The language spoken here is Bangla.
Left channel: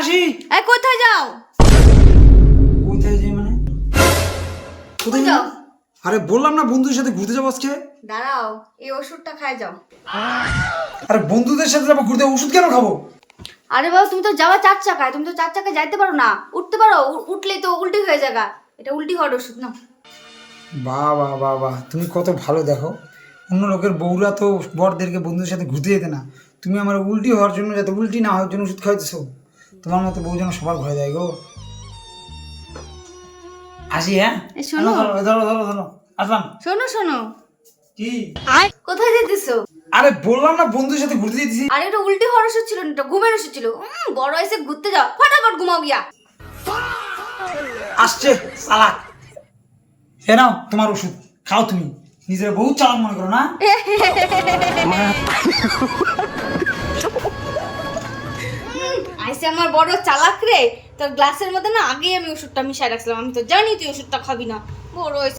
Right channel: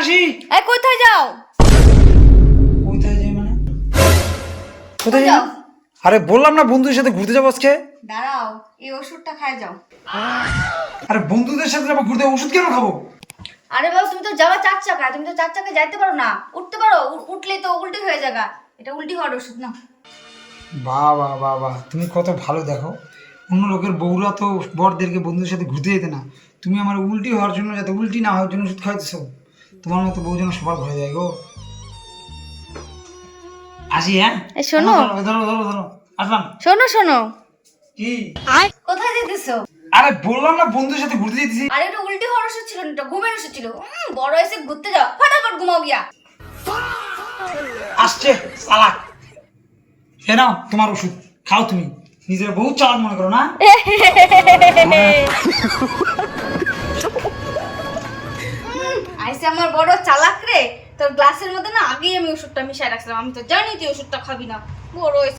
আসি। এই কোথায় যাও? কোথায় যাই মানে? কোথায় যাও? আরে বললাম না বন্ধুদের সাথে ঘুরতে যাবো আজকে। দাঁড়াও, এই ওষুধটা খাই যাও। আরে বন্ধুদের সাথে যাবো ঘুরতে, ওষুধ কেন খাবো? আরে বাবা, তুমি তো যাওয়া 4 চাকায়, তুমি তো 4 চাকায় যাইতে পারো না, উঠতে পারো? উঠলেই তো উল্টি হয়ে যাবে। এটা উল্টি হওয়ার ওষুধ না। বাহ বাহ বাহ বাহ, তুমি কত ভালো দেখো। অন্য লোকের বউরা তো বরদেরকে বন্ধুদের সাথে ঘুরতে যেতে না, তুমি আমার উল্টি হওয়ার জন্য, যাতে উল্টি না হওয়ার জন্য ওষুধ খাইতেছো। তোমার মতো বউ যেন সবার ঘরে যায় গো। আসি হ্যাঁ। এই শোনো। ধরো ধরো ধরো ধরো, আসলাম। শোনো শোনো। কি? কোথায় যেতেছো? আরে বললাম না বন্ধুদের সাথে ঘুরতে যেতেছি। আরে এটা উল্টি হওয়ার ওষুধ ছিল না, এটা ঘুমের ওষুধ ছিল। বড় এসে ঘুরতে যাও, ফটাফট ঘুমাও গিয়া। আসছে চালাক। এ নাও তোমার ওষুধ, খাও। তুমি নিজের বহুত চালাক মনে করো না? আইসে আমার বড় চালাক রে। তো গ্লাসের মধ্যে না আগেই আমি ওষুধটা মিশাই রাখছিলাম, আমি তো জানি তুই ওষুধটা খাবি না। বড় হইছে।